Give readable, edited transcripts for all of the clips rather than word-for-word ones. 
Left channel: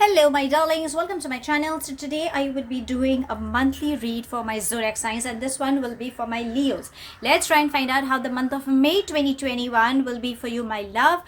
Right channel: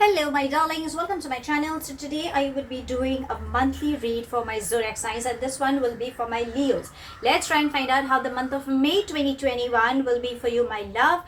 Hello my darlings, welcome to my channel. So today I would be doing a monthly read for my zodiac signs, and this one will be for my Leos. Let's try and find out how the month of May 2021 will be for you, my love.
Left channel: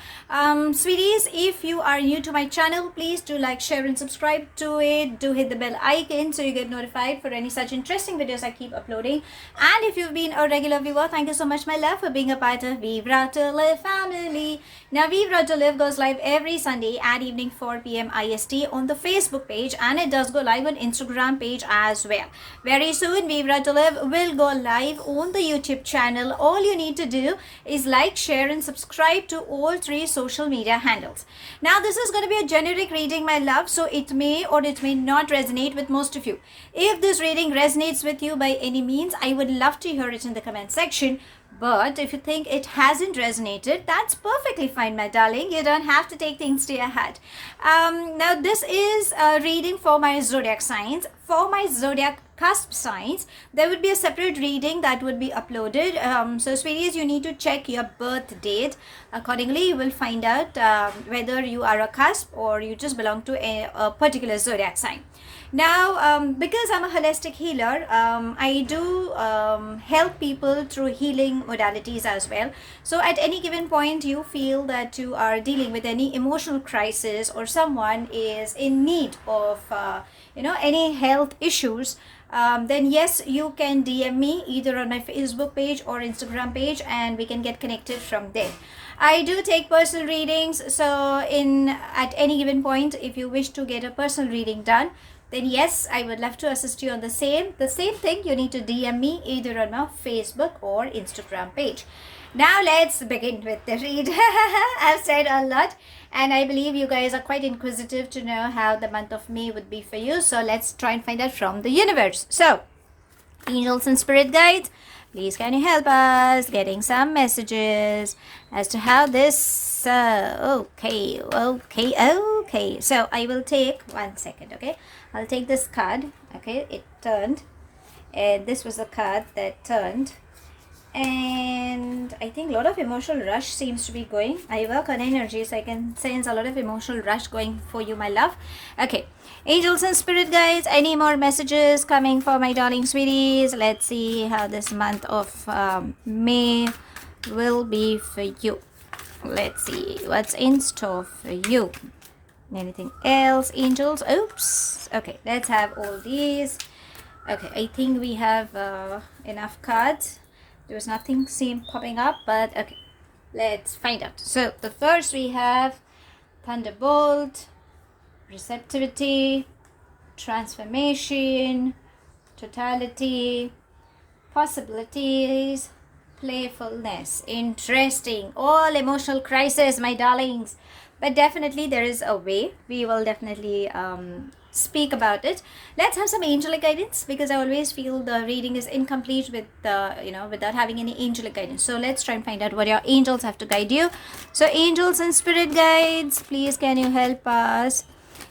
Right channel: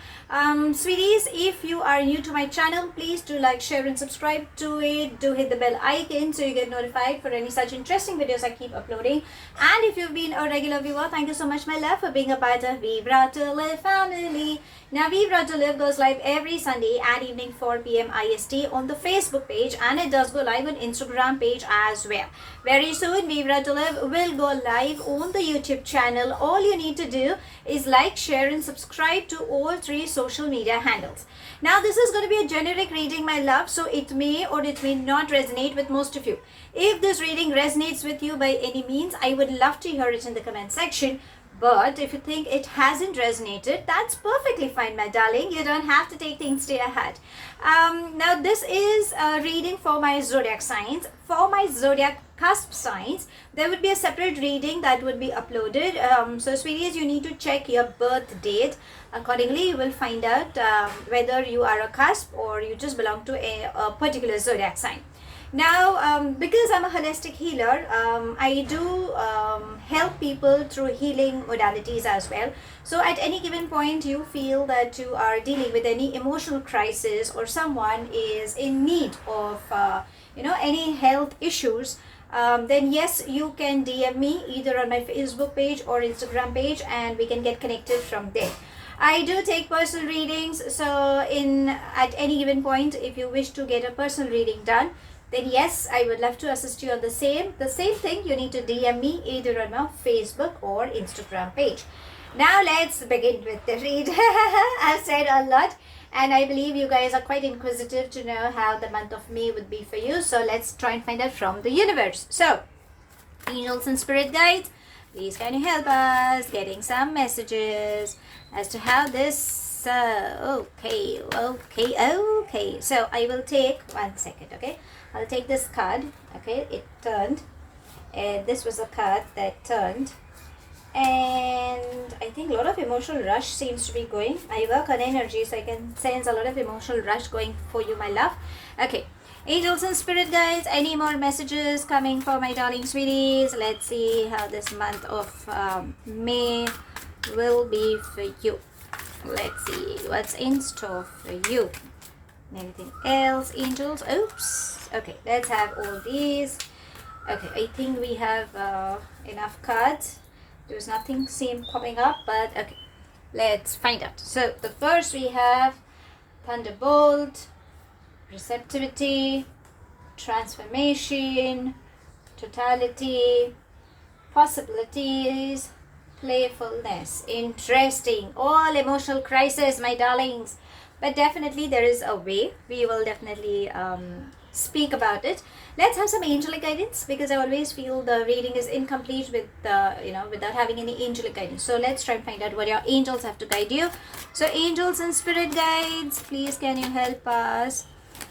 Sweeties, if you are new to my channel, please do like, share and subscribe to it. Do hit the bell icon so you get notified for any such interesting videos I keep uploading. And if you've been a regular viewer, thank you so much my love for being a part of Vivre to Live family. Now Vivre to Live goes live every Sunday at evening 4 p.m. IST on the Facebook page, and it does go live on Instagram page as well. Very soon Vivre to Live will go live on the YouTube channel. All you need to do is like, share and subscribe to all three social media handles. Now this is going to be a generic reading my love, so it may or it may not resonate with most of you. If this reading resonates with you by any means, I would love to hear it in the comment section. But if you think it hasn't resonated, that's perfectly fine, my darling. You don't have to take things to your heart. Now, this is a reading for my zodiac signs. For my zodiac cusp signs, there would be a separate reading that would be uploaded. So, sweeties, you need to check your birth date. Accordingly, you will find out whether you are a cusp or you just belong to a particular zodiac sign. Now, because I'm a holistic healer, I do help people through healing modalities as well. So at any given point you feel that you are dealing with any emotional crisis or someone is in need of any health issues, then yes, you can DM me either on my Facebook page or Instagram page, and we can get connected from there. I do take personal readings, so at any given point, if you wish to get a personal reading done, then yes, I would love to assist you on the same thing. You need to DM me either on my Facebook or Instagram page. Now let's begin with the read. I've said a lot, and I believe you guys are quite inquisitive to know how the month of May would be for you. So let's try and find out from the universe. So, angels and spirit guides, please can you help us getting some messages as to how this okay. So I will take 1 second, okay? I'll take this card, okay? It turned, and this was a card that turned, and I think a lot of emotional rush seems to be going. I work on energy, so I can sense a lot of emotional rush going for you, my love. Okay, angels and spirit guides, any more messages coming for my darling sweeties? Let's see how this month of May will be for you. Let's see what's in store for you. Anything else, angels? Oops. Okay, let's have all these. Okay, I think we have enough cards. There's nothing seem popping up, but okay, let's find out. So the first we have Thunderbolt, Receptivity, Transformation, Totality, Possibilities, Playfulness. Interesting. All emotional crisis, my darlings. But definitely there is a way. We will definitely speak about it. Let's have some angelic guidance, because I always feel the reading is incomplete with without having any angelic guidance. So let's try and find out what your angels have to guide you. So angels and spirit guides, please can you help us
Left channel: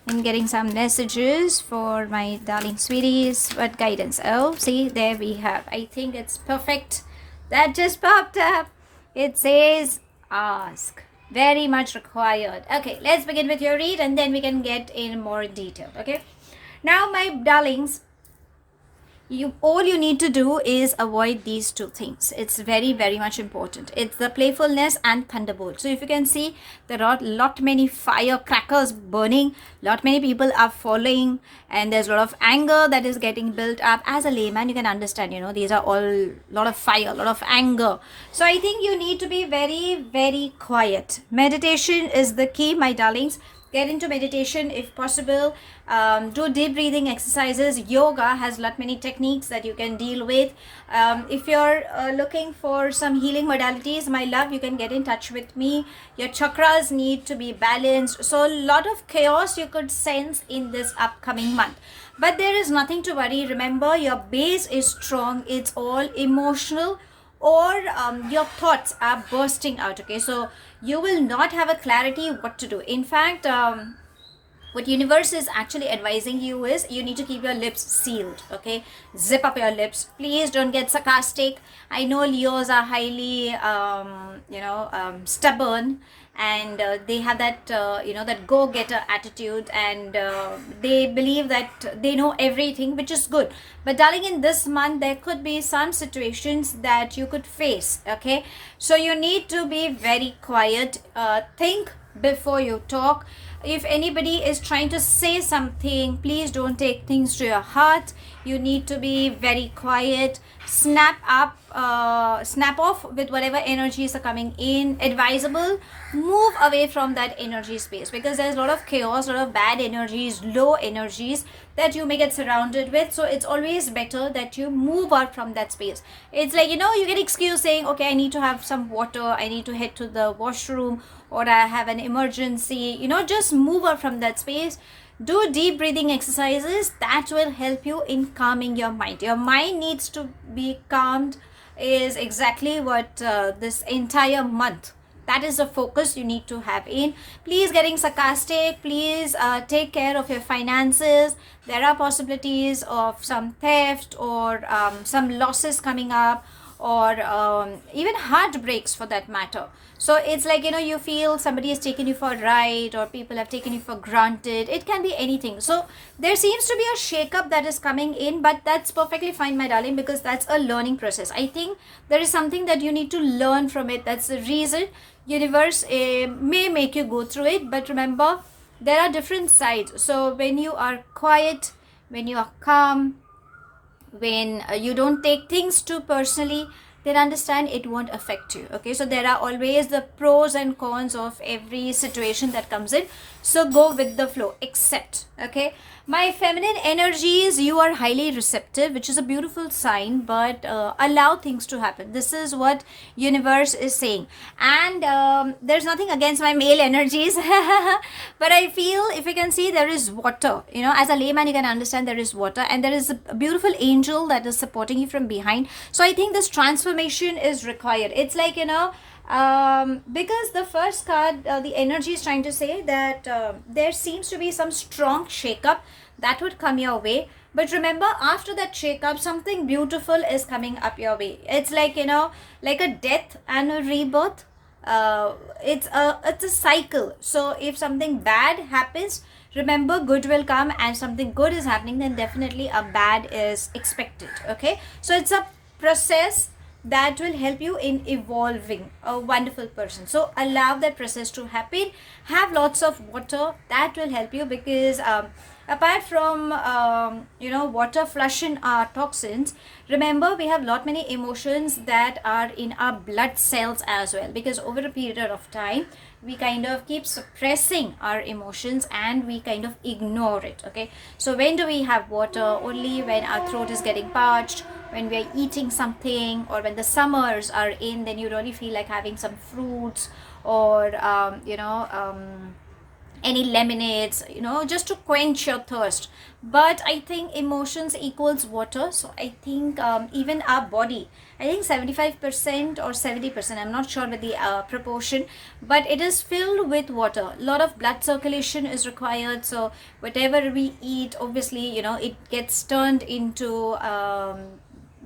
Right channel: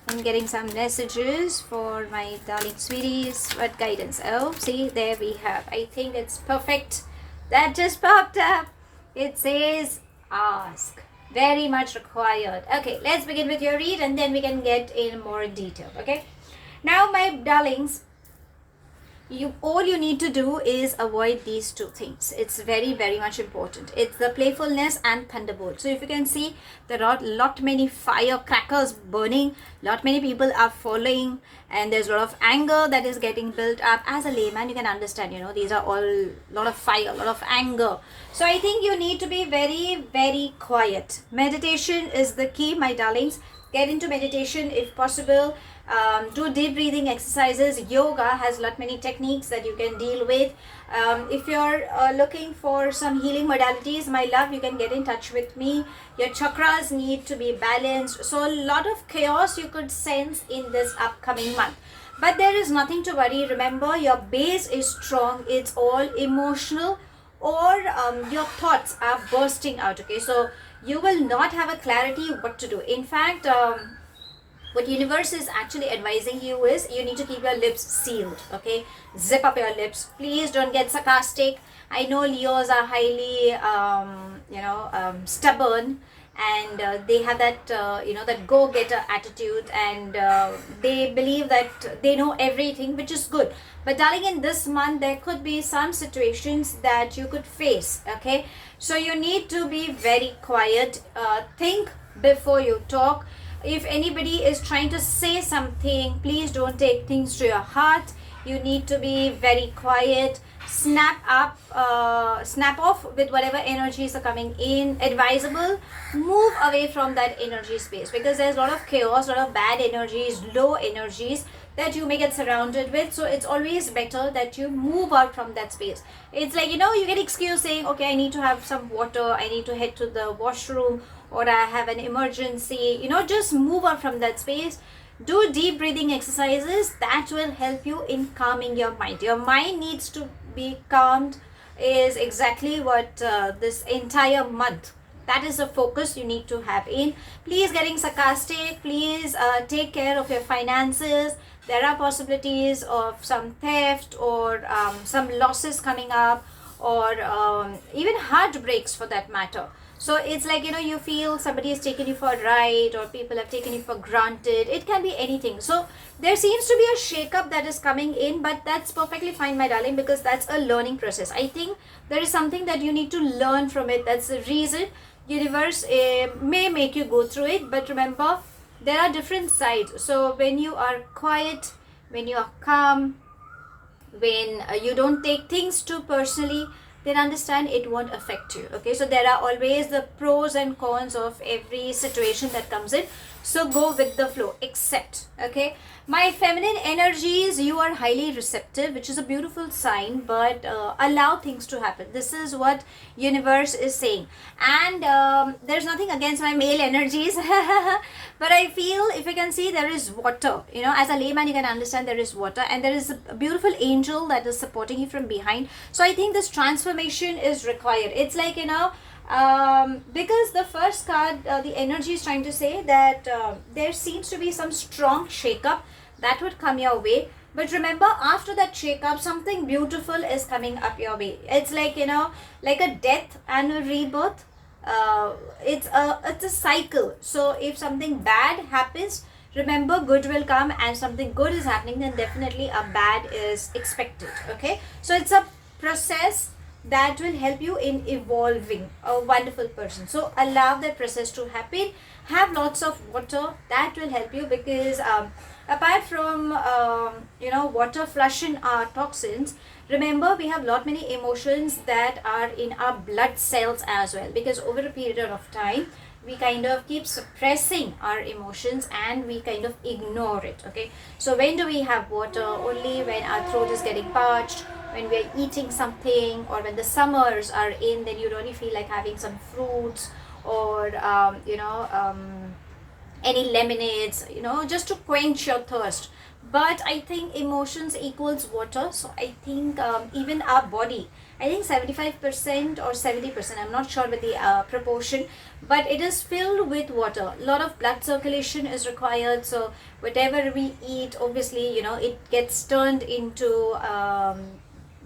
in getting some messages for my darling sweeties? What guidance? Oh, see, there we have. I think it's perfect. That just popped up. It says ask. Very much required. Okay, let's begin with your read, and then we can get in more detail. Okay, now my darlings, all you need to do is avoid these two things. It's very, very much important. It's the playfulness and thunderbolt. So if you can see, there are lot many firecrackers burning, lot many people are falling, and there's a lot of anger that is getting built up. As a layman, you can understand, these are all lot of fire, lot of anger. So I think you need to be very, very quiet. Meditation is the key, my darlings. Get into meditation if possible. Do deep breathing exercises. Yoga has lot many techniques that you can deal with. If you're looking for some healing modalities, my love, you can get in touch with me. Your chakras need to be balanced. So a lot of chaos you could sense in this upcoming month. But there is nothing to worry. Remember, your base is strong. It's all emotional, or your thoughts are bursting out. Okay, so you will not have a clarity what to do. In fact, what universe is actually advising you is you need to keep your lips sealed. Okay, zip up your lips. Please don't get sarcastic. I know Leos are highly stubborn, and they have that that go-getter attitude, and they believe that they know everything, which is good. But darling, in this month there could be some situations that you could face. Okay, so you need to be very quiet. Think before you talk. If anybody is trying to say something, please don't take things to your heart. You need to be very quiet. Snap off with whatever energies are coming in. Advisable, move away from that energy space, because there's a lot of chaos, a lot of bad energies, low energies that you may get surrounded with. So it's always better that you move out from that space. It's like, you get excuse saying, okay, I need to have some water, I need to head to the washroom, or I have an emergency. Just move out from that space. Do deep breathing exercises that will help you in calming your mind. Your mind needs to be calmed, is exactly what this entire month, that is the focus you need to have in. Please getting sarcastic. Please take care of your finances. There are possibilities of some theft or some losses coming up, or even heartbreaks for that matter. So it's like, you feel somebody has taken you for a ride, or people have taken you for granted. It can be anything. So there seems to be a shake-up that is coming in, but that's perfectly fine, my darling, because that's a learning process. I think there is something that you need to learn from it. That's the reason universe may make you go through it. But remember, there are different sides. So when you are quiet, when you are calm, when you don't take things too personally, then understand it won't affect you. Okay, so there are always the pros and cons of every situation that comes in. So go with the flow, accept. Okay, my feminine energies, you are highly receptive, which is a beautiful sign, but allow things to happen. This is what universe is saying. And there's nothing against my male energies, but I feel, if you can see, there is water. As a layman, you can understand there is water, and there is a beautiful angel that is supporting you from behind. So I think this transformation is required. It's like, because the first card, the energy is trying to say that there seems to be some strong shake-up that would come your way. But remember, after that shake-up, something beautiful is coming up your way. It's like, like a death and a rebirth. It's a cycle. So if something bad happens, remember, good will come, and something good is happening, then definitely a bad is expected. Okay, so it's a process that will help you in evolving a wonderful person. So allow that process to happen. Have lots of water. That will help you, because apart from water flushing our toxins, remember, we have lot many emotions that are in our blood cells as well, because over a period of time we kind of keep suppressing our emotions and we kind of ignore it. Okay, so when do we have water? Only when our throat is getting parched, when we are eating something, or when the summers are in, then you really feel like having some fruits, or any lemonades, just to quench your thirst. But I think emotions equals water. So I think even our body, I think 75% or 70%, I'm not sure with the proportion, but it is filled with water. A lot of blood circulation is required. So whatever we eat, obviously, it gets turned into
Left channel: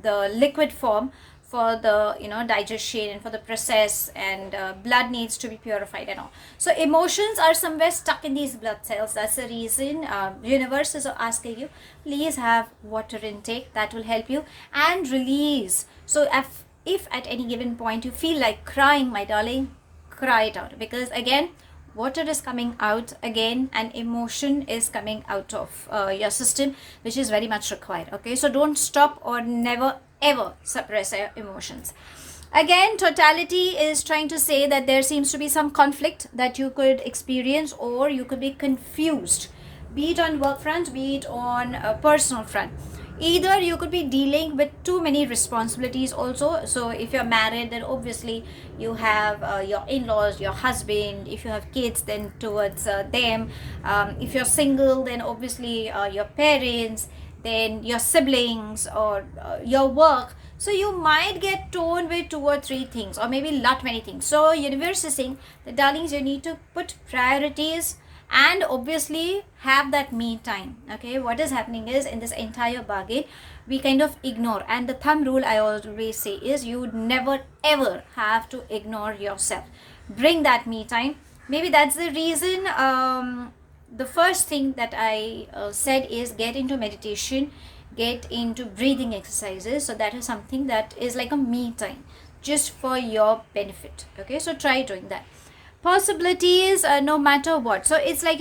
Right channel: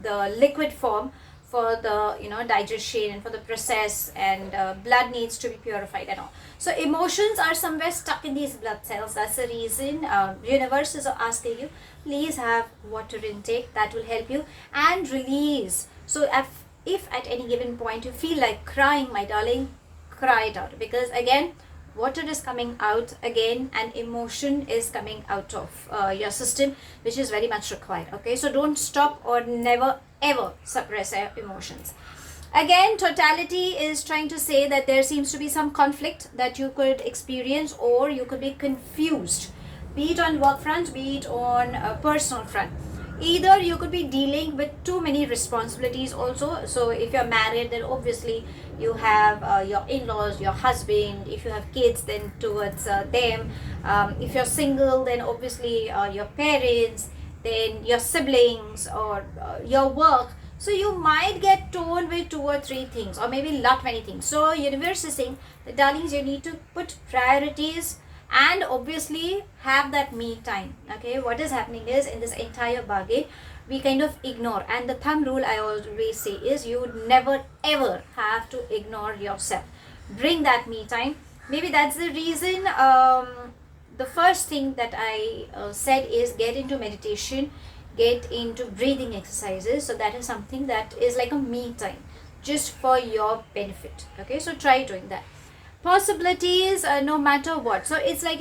the liquid form for the digestion and for the process, and blood needs to be purified and all. So emotions are somewhere stuck in these blood cells. That's the reason universe is asking you, please have water intake. That will help you, and release. So if at any given point you feel like crying, my darling, cry it out, because again, water is coming out again, and emotion is coming out of your system, which is very much required. Okay, so don't stop, or never ever suppress your emotions. Again, totality is trying to say that there seems to be some conflict that you could experience, or you could be confused, be it on work front, be it on a personal front. Either you could be dealing with too many responsibilities also. So if you're married, then obviously you have your in-laws, your husband. If you have kids, then towards them. If you're single, then obviously your parents, then your siblings, or your work. So you might get torn with 2 or 3 things, or maybe not many things. So universe is saying that, darlings, you need to put priorities, and obviously have that me time. Okay, what is happening is, in this entire bargain, we kind of ignore. And the thumb rule I always say is, you would never ever have to ignore yourself. bring that me time. Maybe that's the reason. The first thing that I said is get into meditation, get into breathing exercises. So that is something that is like a me time, just for your benefit. Okay, so try doing that. Possibilities, no matter what. So it's like,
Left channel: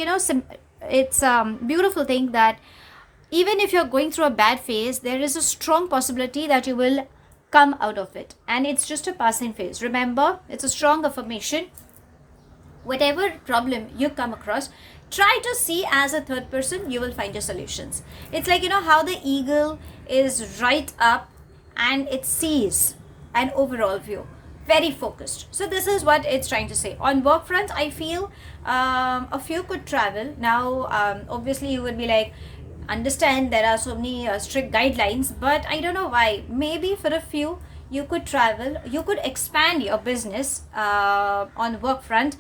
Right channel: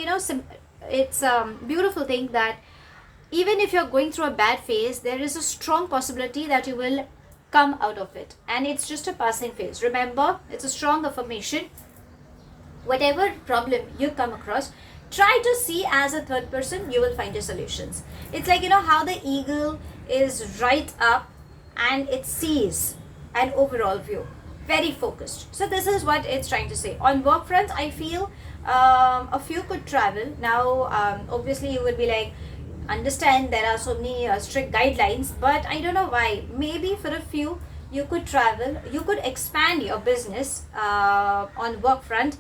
it's beautiful thing that even if you're going through a bad phase, there is a strong possibility that you will come out of it, and it's just a passing phase. Remember, it's a strong affirmation. Whatever problem you come across, try to see as a third person, you will find your solutions. It's like, how the eagle is right up and it sees an overall view, very focused. So this is what it's trying to say. On work front, I feel a few could travel now. Obviously you would be like, understand there are so many strict guidelines, but I don't know why. Maybe for a few you could travel, you could expand your business on work front.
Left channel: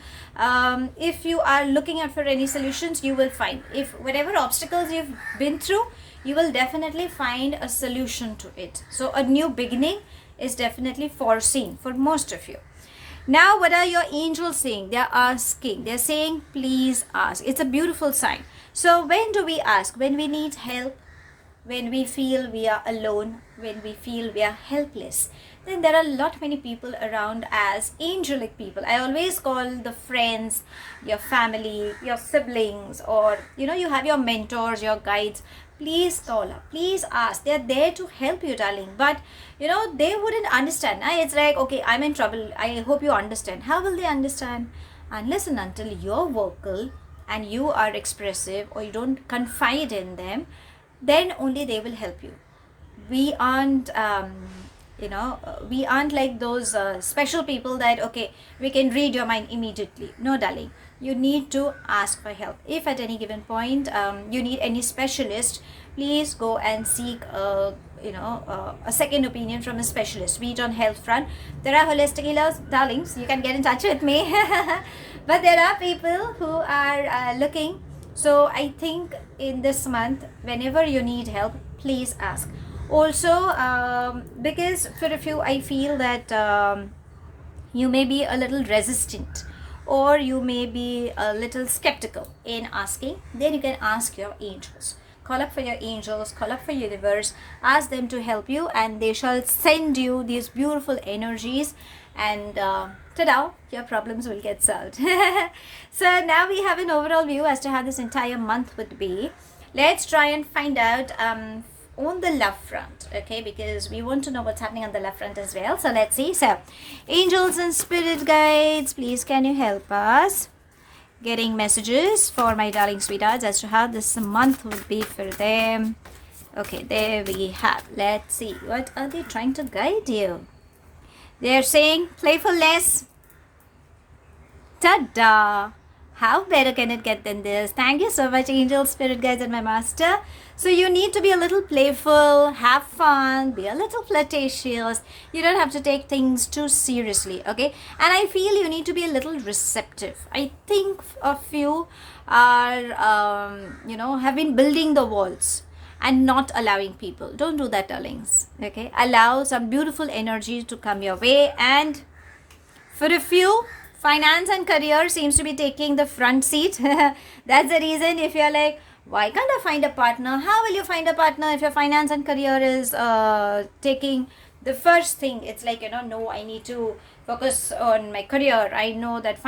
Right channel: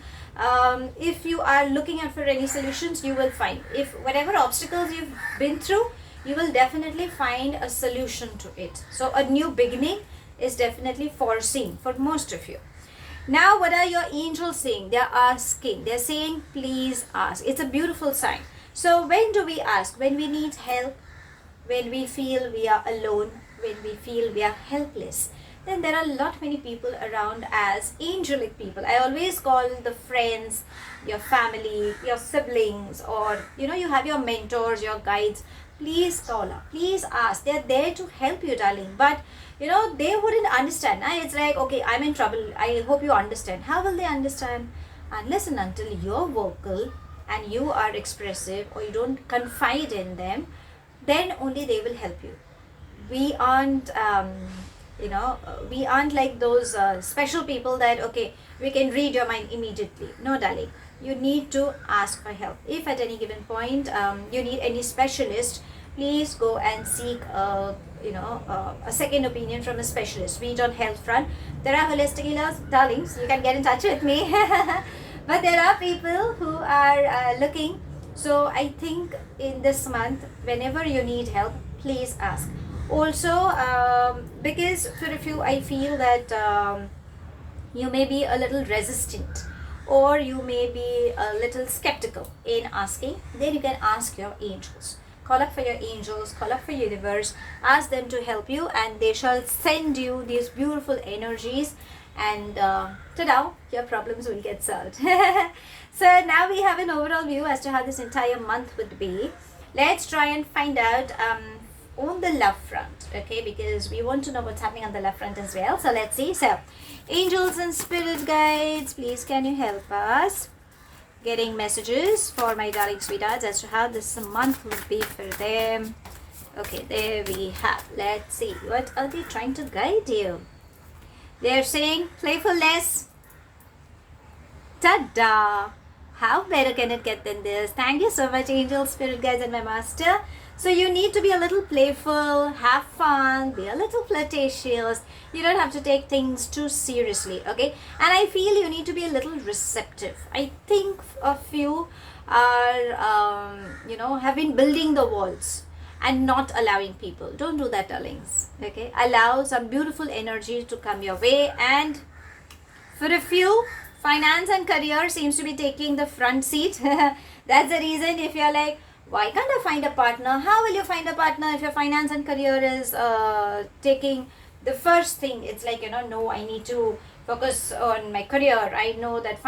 If you are looking out for any solutions, you will find, if whatever obstacles you've been through, you will definitely find a solution to it. So a new beginning is definitely foreseen for most of you. Now, what are your angels saying? They're asking, they're saying, please ask. It's a beautiful sign. So when do we ask? When we need help, when we feel we are alone, when we feel we are helpless. Then there are many people around as angelic people. I always call the friends, your family, your siblings, or you have your mentors, your guides. Please call up, please ask. They're there to help you, darling. But they wouldn't understand. It's like, okay, I'm in trouble, I hope you understand. How will they understand? Unless and until you're vocal and you are expressive, or you don't confide in them, then only they will help you. We aren't we aren't like those special people that, okay, we can read your mind immediately. No, darling, you need to ask for help. If at any given point you need any specialist, please go and seek a second opinion from a specialist. Be it on health front, there are holistic healers, darlings, you can get in touch with me. But there are people who are looking. So I think in this month, whenever you need help, please ask. Also, because for a few, I feel that you may be a little resistant, or you may be a little skeptical in asking. Then you can ask your angels. Call up for your angels, call up for universe, ask them to help you, and they shall send you these beautiful energies, and ta-da, your problems will get solved. So now we have an overall view as to how this entire month would be. Let's try and find out on the love front, okay, because we want to know what's happening on the love front as well. So let's see. So angels and spirit guides, please can you help us? Getting messages for my darling sweethearts as to how this month would be for them. Okay, there we have. Let's see, what are they trying to guide you? They're saying playfulness. Ta-da! How better can it get than this? Thank you so much, angels, spirit guides, and my master. So you need to be a little playful, have fun, be a little flirtatious. You don't have to take things too seriously, okay? And I feel you need to be a little receptive. I think a few are, have been building the walls and not allowing people. Don't do that, darlings, okay? Allow some beautiful energy to come your way. And for a few, finance and career seems to be taking the front seat. That's the reason if you're like, why can't I find a partner? How will you find a partner if your finance and career is taking the first thing? It's like, no, I need to focus on my career. I know that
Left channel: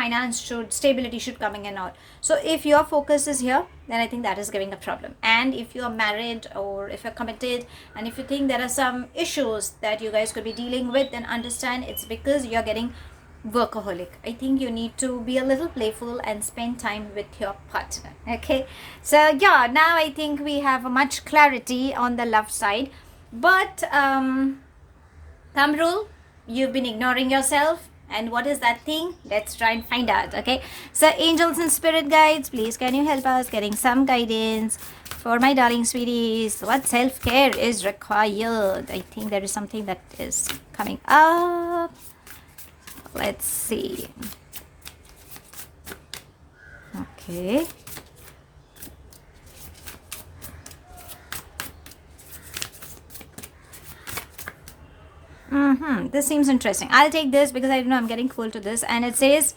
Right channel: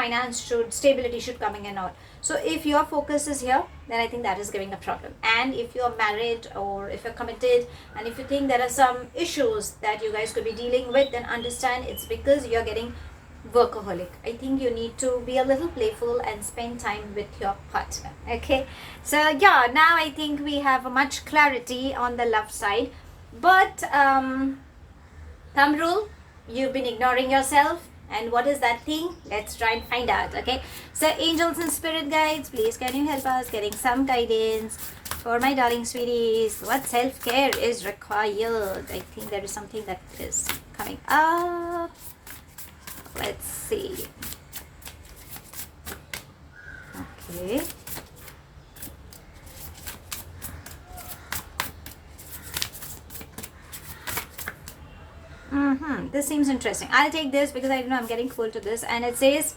stability should come in and out. So if your focus is here, then I think that is giving a problem. And if you're married, or if you're committed, and if you think there are some issues that you guys could be dealing with, then understand it's because you're getting workaholic. I think you need to be a little playful and spend time with your partner, okay? So yeah, now I think we have much clarity on the love side. But thumb rule, you've been ignoring yourself, and what is that thing? Let's try and find out, okay? So angels and spirit guides, please can you help us getting some guidance for my darling sweeties? What self-care is required? I think there is something that is coming up. Let's see. Okay. This seems interesting. I'll take this because I know I'm getting cool to this. And it says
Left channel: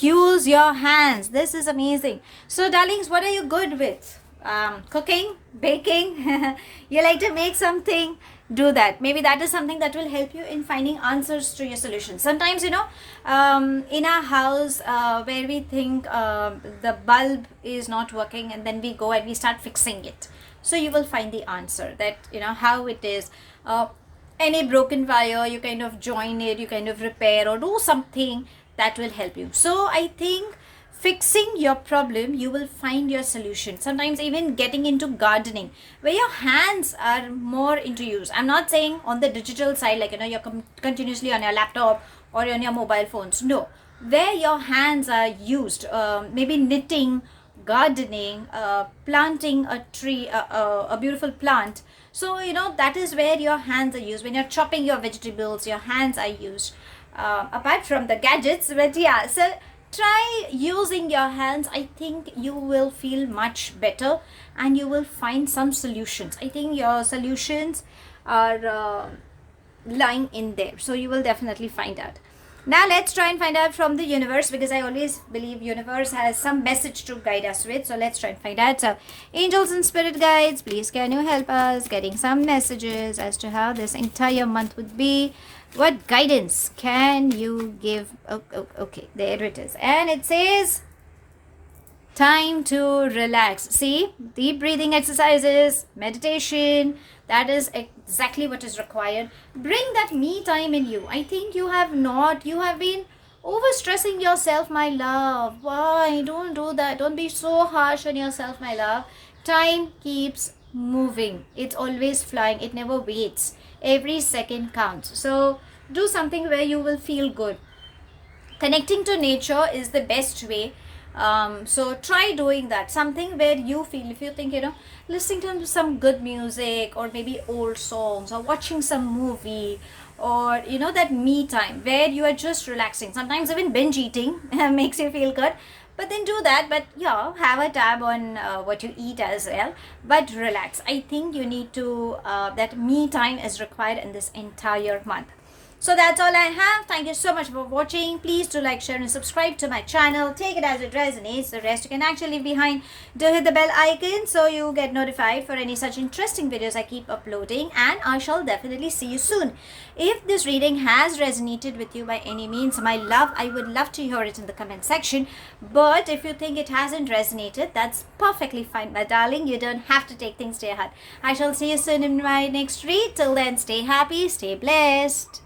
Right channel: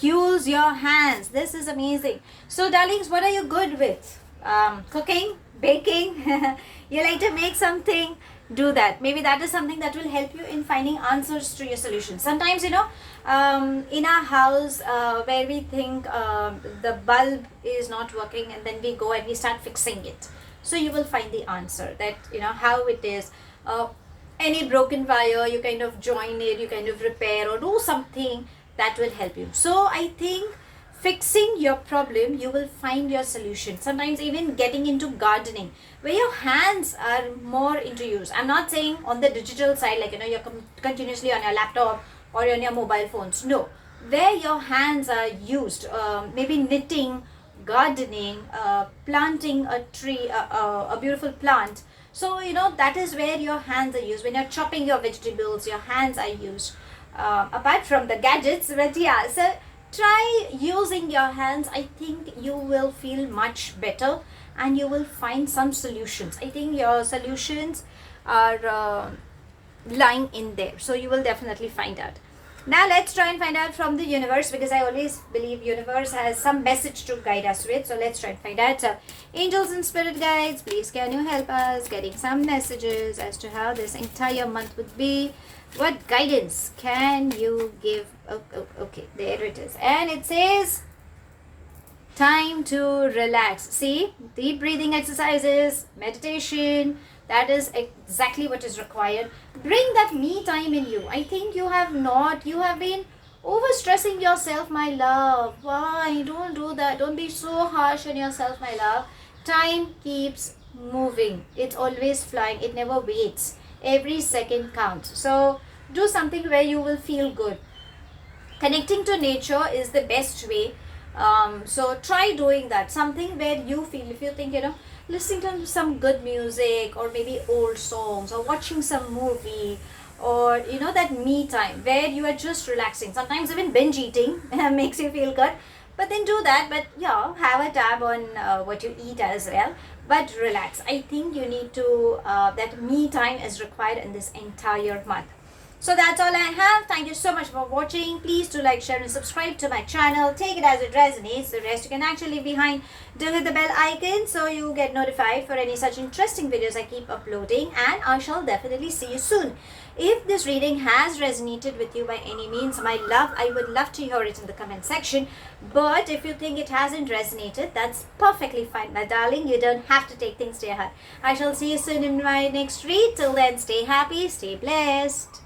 Use your hands. This is amazing. So darlings, what are you good with? Cooking, baking. You like to make something, do that. Maybe that is something that will help you in finding answers to your solutions. Sometimes, in our house, where we think the bulb is not working, and then we go and we start fixing it, so you will find the answer, that how it is. Any broken wire, you kind of join it, you kind of repair or do something that will help you. So I think fixing your problem, you will find your solution. Sometimes even getting into gardening, where your hands are more into use. I'm not saying on the digital side, like you're continuously on your laptop or on your mobile phones. No, where your hands are used, maybe knitting, gardening, planting a tree, a beautiful plant. So that is where your hands are used. When you're chopping your vegetables, your hands are used, apart from the gadgets. But yeah, so try using your hands. I think you will feel much better and you will find some solutions. I think your solutions are lying in there, so you will definitely find out. Now let's try and find out from the universe, because I always believe universe has some message to guide us with. So let's try and find out. So angels and spirit guides, please can you help us getting some messages as to how this entire month would be. What guidance can you give? Okay, there it is. And it says time to relax. See, deep breathing exercises, meditation, that is exactly what is required. Bring that me time in you. I think you have been overstressing yourself, my love. Why? Don't do that. Don't be so harsh on yourself, my love. Time keeps moving. It's always flying. It never waits. Every second counts. So do something where you will feel good. Connecting to nature is the best way. So try doing that. Something where you feel, if you think, listening to some good music, or maybe old songs, or watching some movie, or that me time where you are just relaxing. Sometimes even binge eating makes you feel good, but then do that. But yeah, have a tab on what you eat as well, but relax. I think you need to that me time is required in this entire month. So that's all I have. Thank you so much for watching. Please do like, share and subscribe to my channel. Take it as it resonates. The rest you can actually leave behind. Do hit the bell icon so you get notified for any such interesting videos I keep uploading. And I shall definitely see you soon. If this reading has resonated with you by any means, my love, I would love to hear it in the comment section. But if you think it hasn't resonated, that's perfectly fine, my darling. You don't have to take things to your heart. I shall see you soon in my next read. Till then, stay happy, stay blessed.